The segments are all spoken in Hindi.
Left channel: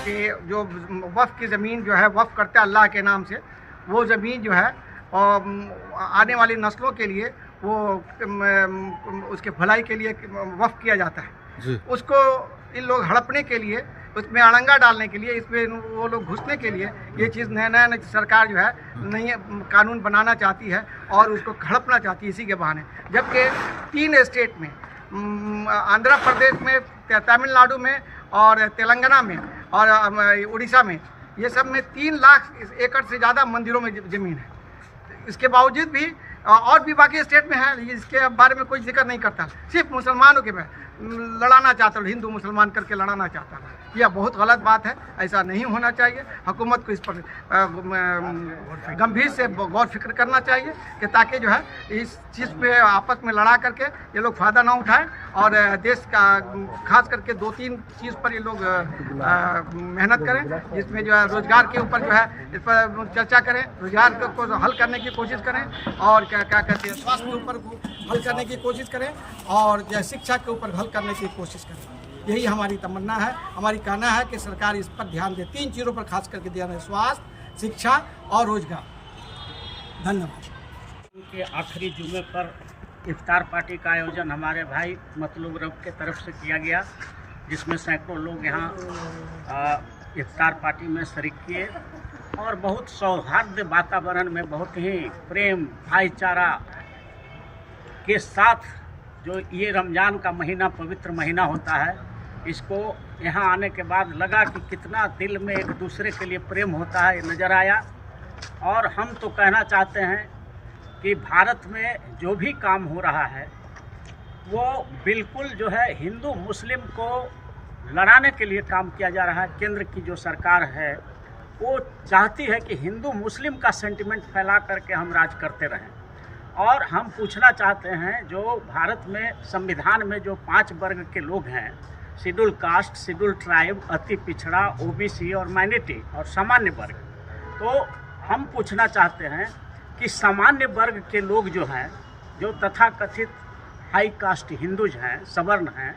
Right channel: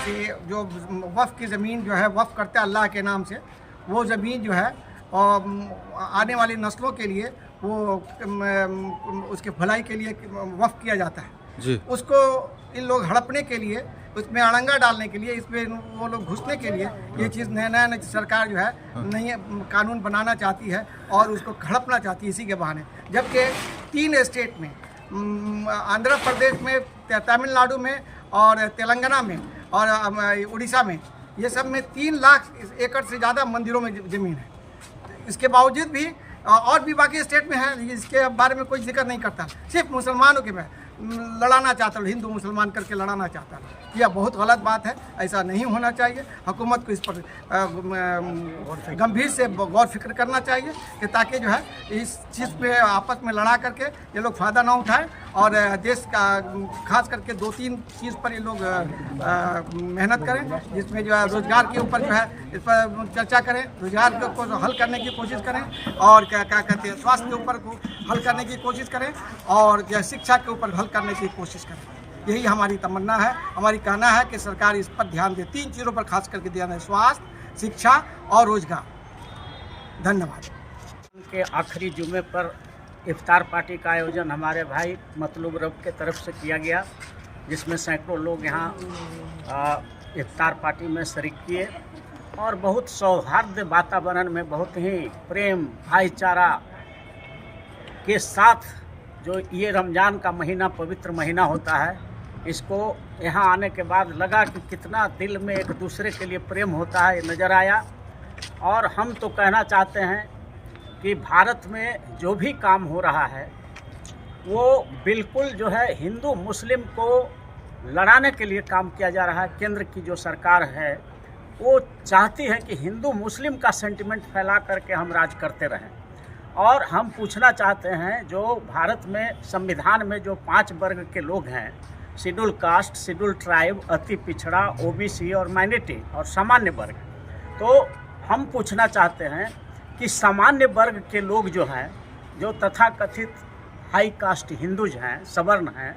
से जो वफ़ की ज़मीन जो है वफ़ करते हैं अल्लाह के नाम से, वो ज़मीन जो है आने वाली नस्लों के लिए वो उसके भलाई के लिए वफ़ किया जाता है जी। उसको इन लोग हड़पने के लिए, उसमें अड़ंगा डालने के लिए, इसमें वो लोग घुसने के लिए ये चीज़ नया सरकार जो है नई कानून बनाना चाहती है और उसको हड़पना चाहती है इसी के बहाने। जबकि 3 स्टेट में, आंध्र प्रदेश में, तमिलनाडु में और तेलंगाना में और उड़ीसा में, ये सब में 3 लाख एकड़ से ज़्यादा मंदिरों में ज़मीन है। इसके बावजूद भी और भी बाकी स्टेट में है, इसके बारे में कोई जिक्र नहीं करता, सिर्फ मुसलमानों के में लड़ाना चाहता है, हिंदू मुसलमान करके लड़ाना चाहता है। यह बहुत गलत बात है, ऐसा नहीं होना चाहिए। हुकूमत को इस पर गंभीर से गौर फिक्र करना चाहिए कि ताकि जो है इस चीज़ पे आपस में लड़ा करके ये लोग फ़ायदा ना उठाएं और देश का खास करके 2-3 चीज़ पर ये लोग मेहनत करें, जिसमें जो है रोज़गार के ऊपर जो है इस पर चर्चा करें, रोज़गार को हल करने की कोशिश करें और क्या कहते हैं स्वास्थ्य के ऊपर हल करने की कोशिश करें और शिक्षा के ऊपर हल करने की कोशिश करें। यही हमारी तमन्ना है, हमारी कहना है कि सरकार इस पर ध्यान दे, 3 चीज़ों पर खास करके ध्यान है, स्वास्थ्य, शिक्षा और रोजगार। धन्यवाद। के आखिरी जुमे पर इफ्तार पार्टी का आयोजन हमारे भाई मतलूब रब के तरफ से किया गया, जिसमें सैकड़ों लोग यहाँ इफ्तार पार्टी में शरीक किए और बहुत सौहार्द वातावरण में, बहुत ही प्रेम भाईचारा के साथ जो ये रमज़ान का महीना पवित्र महीना होता है, इसको यहाँ आने के बाद लगा कि कितना दिल में एक दूसरे के लिए प्रेम होता है, ये नज़र आया। और हम तो कहना चाहते हैं कि भारत में जो भी काम हो रहा है वो बिल्कुल जो है हिंदू मुस्लिम को लड़ाने के लिए काम किया जा रहा है। केंद्र की जो सरकार है वो चाहती है कि हिंदू मुस्लिम का सेंटिमेंट फैला करके हम राज करते रहें। और हम पूछना चाहते हैं, जो भारत में संविधान में जो 5 वर्ग के लोग हैं, शेड्यूल कास्ट, शेड्यूल ट्राइब, अति पिछड़ा, ओबीसी और माइनॉरिटी और सामान्य वर्ग, तो हम पूछना चाहते हैं कि सामान्य वर्ग के लोग जो हैं, जो तथाकथित हाई कास्ट हिंदूज हैं, सवर्ण हैं,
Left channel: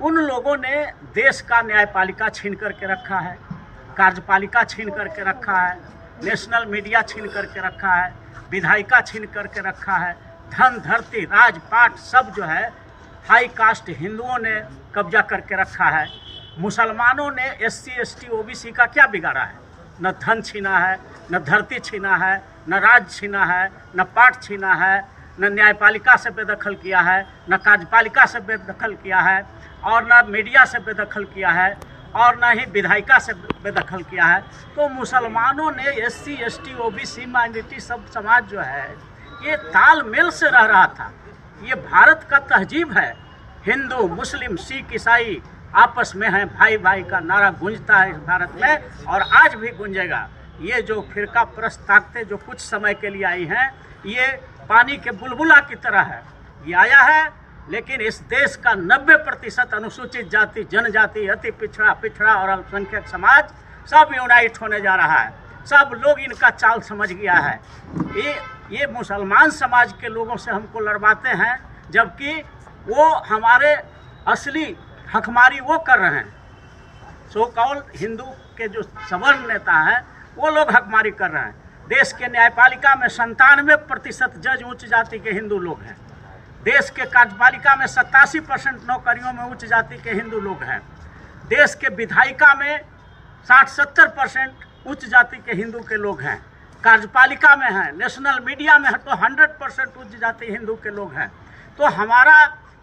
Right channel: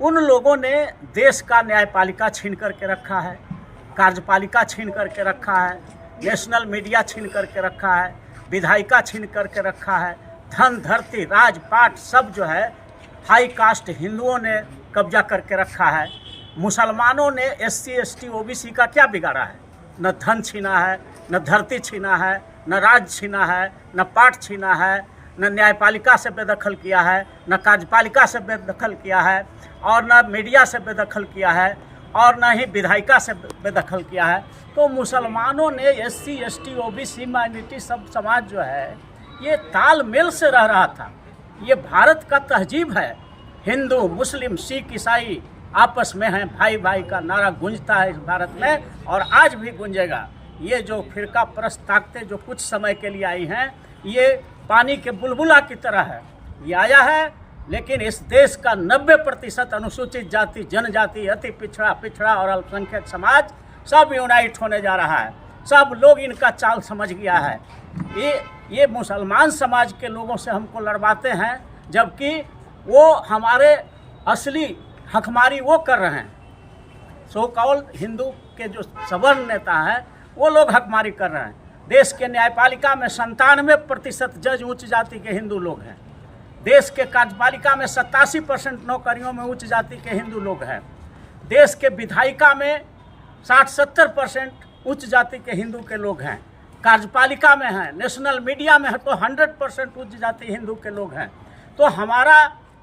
उन लोगों ने देश का न्यायपालिका छीन करके रखा है, कार्यपालिका छीन करके रखा है, नेशनल मीडिया छीन करके रखा है, विधायिका छीन करके रखा है, धन धरती राजपाट सब जो है हाई कास्ट हिंदुओं ने कब्जा करके रखा है। मुसलमानों ने SC ST OBC का क्या बिगाड़ा है? न धन छीना है, न धरती छीना है, न राज छीना है, न पाठ छीना है, न न्यायपालिका से बेदखल किया है, न कार्यपालिका से बेदखल किया है, और न मीडिया से बेदखल किया है, और न ही विधायिका से बेदखल किया है। तो मुसलमानों ने SC ST OBC माइनॉरिटी सब समाज जो है ये तालमेल से रह रहा था। ये भारत का तहजीब है, हिंदू मुस्लिम सिख ईसाई आपस में हैं, भाई भाई का नारा गूंजता है इस भारत में और आज भी गूंजेगा। ये जो फिरका परस्त ताकतें जो कुछ समय के लिए आई हैं, ये पानी के बुलबुला की तरह है, ये आया है, लेकिन इस देश का 90% अनुसूचित जाति, जनजाति, अति पिछड़ा और अल्पसंख्यक समाज सब यूनाइट होने जा रहा है। सब लोग इनका चाल समझ गया है। ये मुसलमान समाज के लोगों से हमको लड़वाते हैं, जबकि वो हमारे असली हकमारी वो कर रहे हैं। सो कॉल्ड हिंदू के जो सवर्ण नेता हैं वो लोग हकमारी कर रहे हैं। देश के न्यायपालिका में 97% जज उच्च जाति के हिंदू लोग हैं। देश के कार्यपालिका में 87% नौकरियों में उच्च जाति के हिंदू लोग हैं। देश के विधायिका में 60-70% उच्च जाति के हिंदू के लोग हैं। कार्यपालिका में हैं, नेशनल मीडिया में है तो 100% उच्च जाति हिंदू के लोग हैं। तो हमारा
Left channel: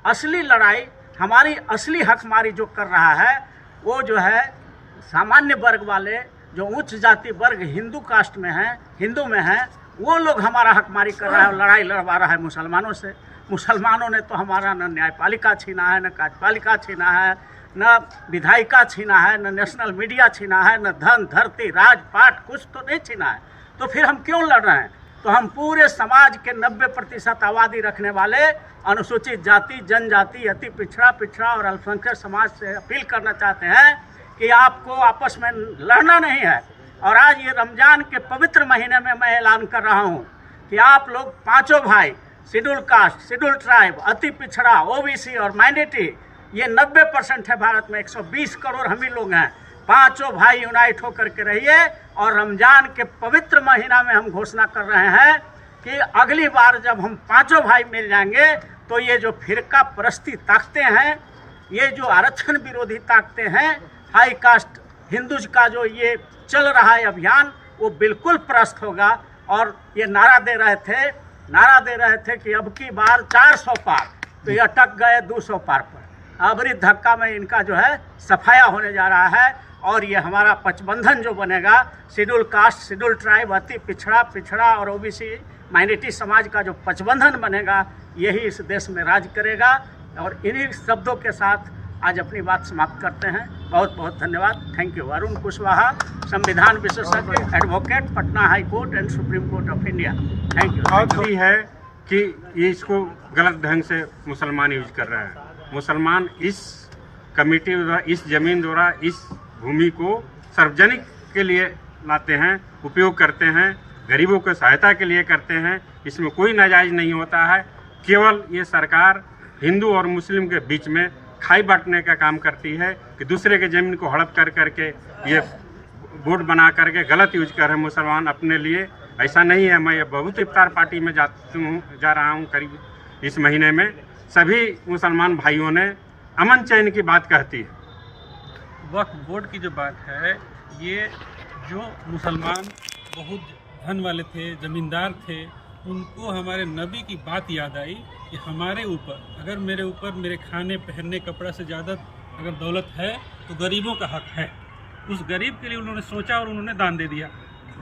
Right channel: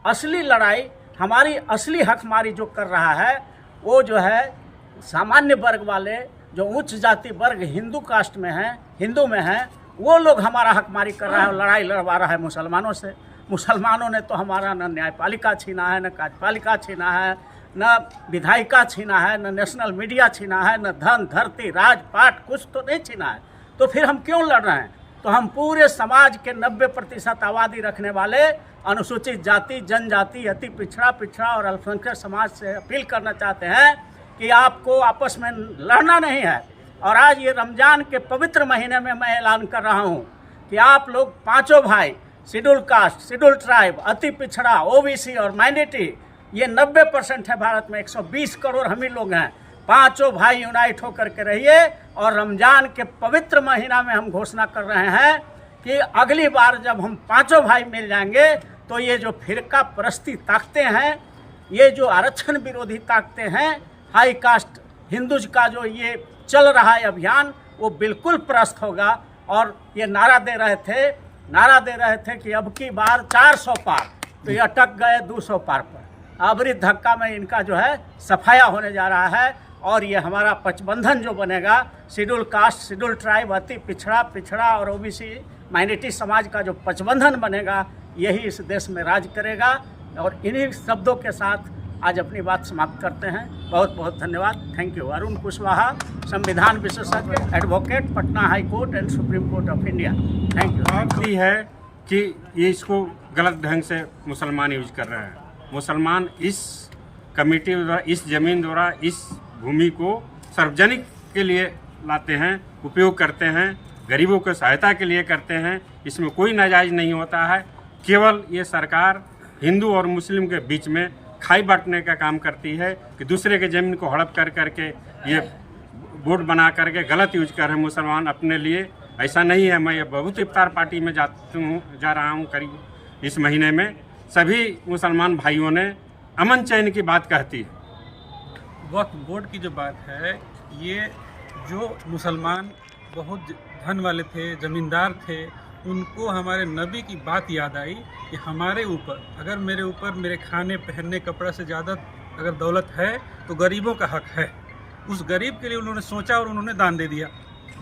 असली लड़ाई, हमारी असली हकमारी जो कर रहा है वो जो है सामान्य वर्ग वाले, जो उच्च जाति वर्ग हिंदू कास्ट में हैं, हिंदू में हैं, वो लोग हमारा हकमारी कर रहा है और लड़ाई लड़वा रहा है मुसलमानों से। मुसलमानों ने तो हमारा न न्यायपालिका छीना है, न कार्यपालिका छीना है, न विधायिका छीना है, न नेशनल मीडिया छीना है, न धन धरती राजपाट कुछ तो नहीं छीना है। तो फिर हम क्यों लड़ रहे हैं? तो हम पूरे समाज के 90% आबादी रखने वाले अनुसूचित जाति, जनजाति, अति पिछड़ा और अल्पसंख्यक समाज से अपील करना चाहते हैं कि आपको आपस में लड़ना नहीं है। और आज ये रमज़ान के पवित्र महीने में मैं ऐलान कर रहा हूँ कि आप लोग पांचों भाई, शेड्यूल कास्ट, शेड्यूल ट्राइब, अति पिछड़ा, ओबीसी और माइनॉरिटी, ये 90% है भारत में, 120 करोड़ हम ही लोग हैं। पांचों भाई यूनाइट होकर के रहिए। और रमजान के पवित्र महीना में हम घोषणा कर रहे हैं कि अगली बार जब हम पांचों भाई मिल जाएंगे तो ये जो फिरका परस्ती ताकतें हैं, ये जो आरक्षण विरोधी ताकतें हैं, हाई कास्ट हिंदूज का जो ये चल रहा है अभियान, वो बिल्कुल परास्त होगा। और ये नारा दे रहे थे कि अब की बार 400 पार, तो ये अटक गए 200 पार पर। आखिरी धक्का में इनका जो है सफाया होने जा रहा है। और ये हमारा पचबंधन जो बनेगा, शेड्यूल कास्ट, शेड्यूल ट्राइब, अति पिछड़ा और ओबीसी माइनॉरिटी समाज का जो पचबंधन बनेगा, यही इस देश में राज करेगा। और इन्हीं शब्दों के साथ आज अपनी बात समाप्त करते हैं। बहुत बहुत धन्यवाद। Thank you. अरुण कुशवाहा, संविधान विशेषज्ञ, advocate, Patna high court and supreme court of India. Thank you. है कि ये इसको गलत ढंग से मुसलमान यूज कर रहे हैं। मुसलमान इस कमेटी द्वारा, इस जमीन द्वारा, इस भूमि को सार्वजनिक के लिए लाते हैं, उपयोग करते हैं, गरीबों को सहायता के लिए करते हैं। इसमें कोई नाजायज़ नहीं होता है। केवल ये सरकार हिंदू और मुस्लिम के बीच में खाई बांटने का काम करती है कि दूसरे के ज़मीन को हड़प कर करके ये बोर्ड बना करके गलत यूज कर रहे हैं मुसलमान अपने लिए। ऐसा नहीं है। मैं बहुत इफ्तार पार्टी में जा रहा हूँ करीब इस महीने में। सभी मुसलमान भाइयों ने अमन चैन की बात कहती है। वक्फ बोर्ड की जो बात है, ये जो मुसलमान बहुत धन वाले थे, ज़मींदार थे, उनको हमारे नबी की बात याद आई कि हमारे ऊपर, अगर मेरे ऊपर मेरे खाने पहनने कपड़ा से ज़्यादा अगर दौलत है तो गरीबों का हक है। उस गरीब के लिए उन्होंने सोचा और उन्होंने दान दे दिया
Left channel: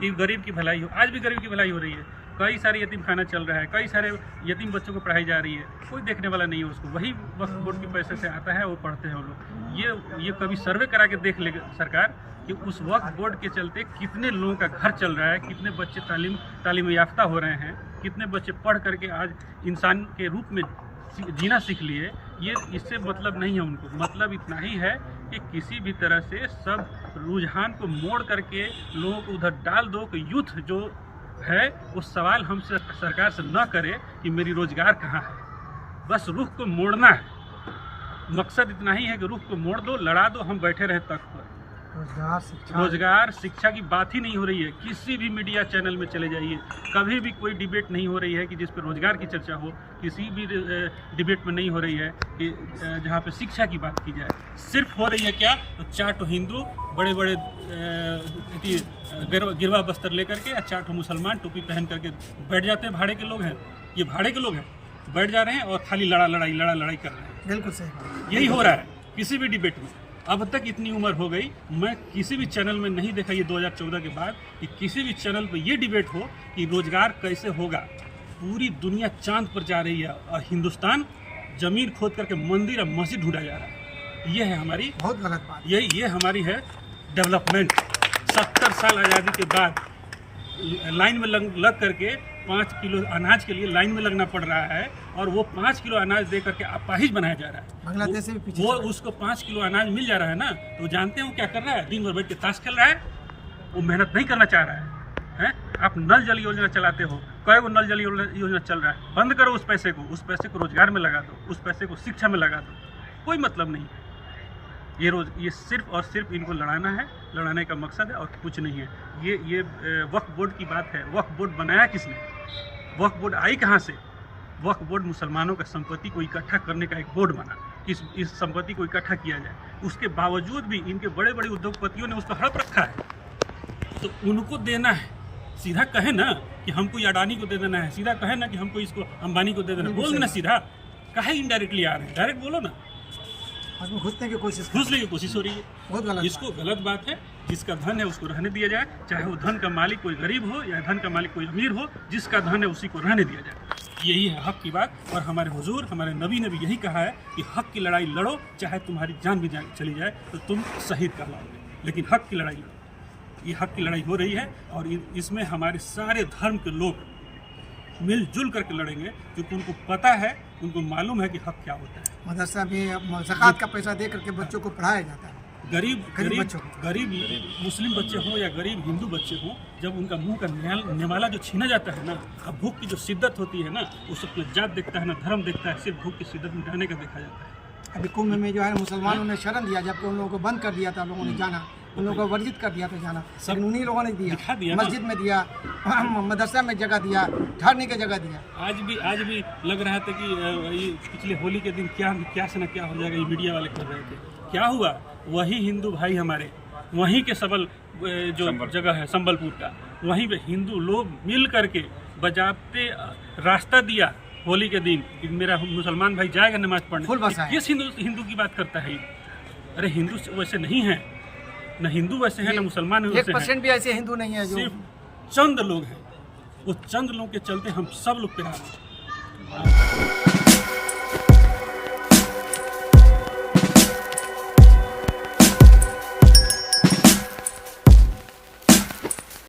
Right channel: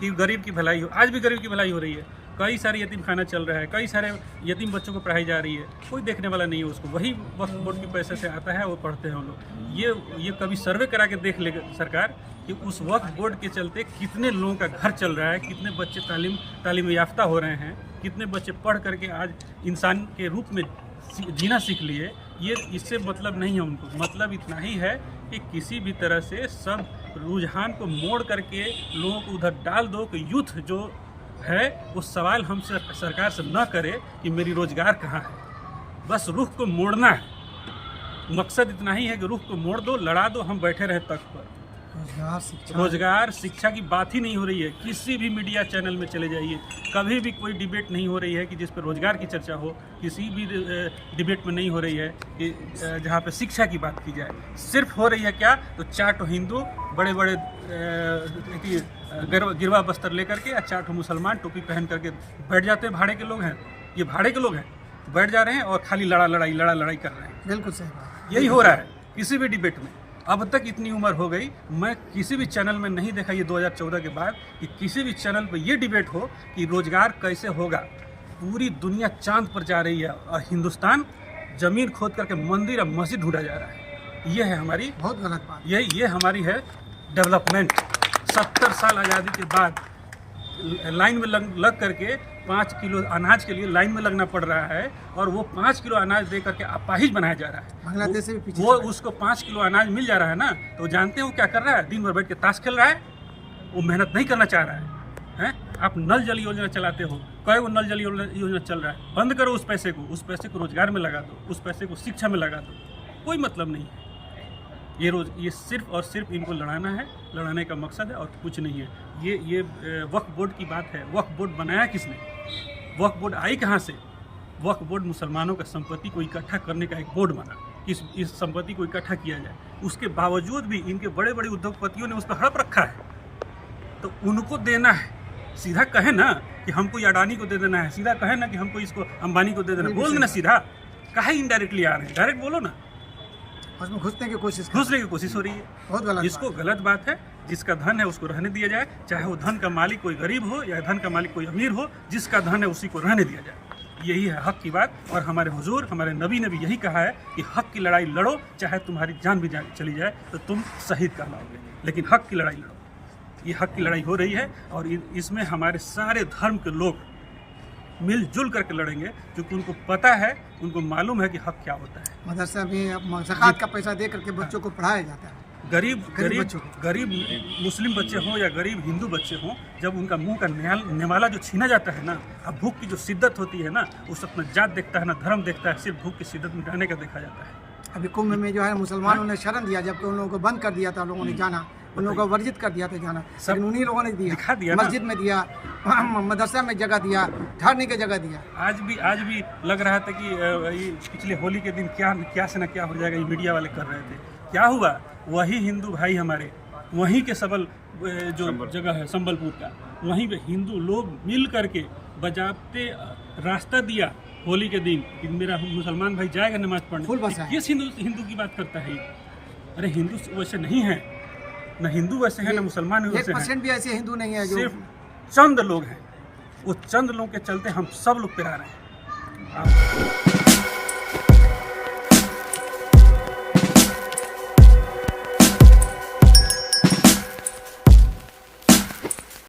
कि गरीब की भलाई हो। आज भी गरीब की भलाई हो रही है। कई सारे यतीम खाना चल रहा है, कई सारे यतीम बच्चों को पढ़ाई जा रही है, कोई देखने वाला नहीं है उसको। वही वक्फ बोर्ड के पैसे से आता है, वो पढ़ते हैं वो लोग। ये कभी सर्वे करा के देख ले सरकार कि उस वक्फ बोर्ड के चलते कितने लोगों का घर चल रहा है, कितने बच्चे तालीम याफ्ता हो रहे हैं, कितने बच्चे पढ़ करके आज इंसान के रूप में जीना सीख लिए। ये इससे मतलब नहीं है उनको। मतलब इतना ही है कि किसी भी तरह से सब रुझान को मोड़ करके लोगों को उधर डाल दो कि यूथ जो है वो सवाल हमसे सरकार से न करे कि मेरी रोजगार कहाँ है। बस रुख को मोड़ना है। मकसद इतना ही है कि रुख को मोड़ दो, लड़ा दो, हम बैठे रहे तख्त पर। रोजगार शिक्षा की बात ही नहीं हो रही है। किसी भी मीडिया चैनल में चले जाइए, कभी भी कोई डिबेट नहीं हो रही है कि जिस पर रोजगार की चर्चा हो। किसी भी डिबेट में नहीं हो रही है कि जहाँ पे शिक्षा की बात की जाए। सिर्फ हो रही है क्या, तो चार हिंदू बड़े बड़े गिरवा बस्तर लेकर के, 4 मुसलमान टोपी पहन करके बैठ जाते हैं। भाड़े के लोग हैं, ये भाड़े के लोग हैं, बैठ जा रहे हैं और खाली लड़ाई कर रहे हैं। बिल्कुल सही बात। यही हो रहा है किसी भी डिबेट में। अब तक इतनी उम्र हो गई, मैं किसी भी चैनल में नहीं देखा ये 2014 के बाद कि किसी भी चैनल पर ये डिबेट हो कि रोजगार कैसे होगा। पूरी दुनिया चांद पर जा रही है और हिंदुस्तान जमीन खोद करके मंदिर और मस्जिद ढूंढा जा रहा है। ये है हमारी बहुत गलत बात। ये हमारी है डेवलपमेंट। 70 साल आज़ादी के बाद लाइन में लग करके 5 किलो अनाज के लिए लाइन में लगना पड़ रहा है और वो 5 किलो अनाज दे करके अपाहिज बनाया जा रहा है। बांग्लादेश से भी पीछे वो उसको 5 किलो अनाज मिल जा रहा है ना, तो जानते हैं वो क्या कर रहा है? दिन भर बैठ के ताश खेल रहा है। वो मेहनत नहीं करना चाह रहा है। आप नल जल योजना चलाते हो, कई वो नल जल योजना चल रहा है। बंद करो उस पैसे को रोजगार में लगा दो, उस पैसे को शिक्षा में लगा दो। कोई मतलब नहीं है। ये सिर्फ और सिर्फ इनको लड़ाना है, लड़ाने का मकसद है और कुछ नहीं है। ये वक्फ बोर्ड की बात है। वक्फ बोर्ड बनाया किसने? वक्फ बोर्ड आई कहाँ से? वक्फ बोर्ड मुसलमानों का संपत्ति को इकट्ठा करने का एक बोर्ड बना। इस संपत्ति को इकट्ठा किया जाए। उसके बावजूद भी इनके बड़े बड़े उद्योगपतियों ने उस पर हड़प रखा है, तो उनको देना है। सीधा कहे ना कि हमको अडानी को दे देना है, सीधा कहे ना कि हमको इसको अंबानी को दे देना, बोल देना सीधा। काहे इनडायरेक्टली आ रहे हैं? डायरेक्ट बोलो ना। उसमें घुसने की कोशिश हो रही है। बहुत गलत। इसको गलत बात है। जिसका धन है उसको रहने दिया जाए, चाहे वो धन का मालिक कोई गरीब हो या धन का मालिक कोई अमीर हो। जिसका धन है उसी को रहने दिया जाए। यही है हक की बात। और हमारे हुजूर, हमारे नबी ने भी यही कहा है कि हक की लड़ाई लड़ो, चाहे तुम्हारी जान भी चली जाए तो तुम शहीद कहलाओगे, लेकिन हक की लड़ाई लड़ो। ये हक की लड़ाई हो रही है और इसमें हमारे सारे धर्म के लोग मिलजुल करके लड़ेंगे, क्योंकि उनको पता है, उनको मालूम है कि हक क्या होता है। मदरसा में ज़कात का पैसा दे करके बच्चों को पढ़ाया जाता है। गरीब मुस्लिम बच्चे हों या गरीब हिंदू बच्चे हों, जब उनका मुंह का निवाला जो छीना जाता है ना, अब भूख की जो शिद्दत होती है ना, उस अपना जात देखता है ना धर्म देखता है, सिर्फ भूख की शिद्दत मिटाने का देखा जाता है। अभी कुंभ में जो है मुसलमानों ने शरण दिया, जबकि उन लोगों को बंद कर दिया था, लोगों ने जाना, उन लोगों को वर्जित कर दिया था जाना, लेकिन उन्हीं लोगों ने दिखा दिया दिया, ना। मस्जिद में दिया, मदरसा में जगह दिया, ठहरने की जगह दिया। आज भी लग रहा था कि ये पिछले होली के दिन क्या से ना क्या हो जाएगा, ये मीडिया वाले कर रहे थे। क्या हुआ, वही हिंदू भाई हमारे वहीं के सबल जो जगह है संबलपुर का, वहीं पे हिंदू लोग मिल करके बजाते रास्ता दिया होली के दिन कि मेरा मुसलमान भाई जाएगा नमाज पढ़ने। किस हिंदू की बात करता है ये? अरे हिंदू वैसे नहीं है, न हिंदू वैसे है, न मुसलमान वैसे 1% भी ऐसे हिंदू नहीं है, जो सिर्फ चंद लोग हैं। वो चंद लोगों के चलते हम सब लोग पे आ रहे हैं।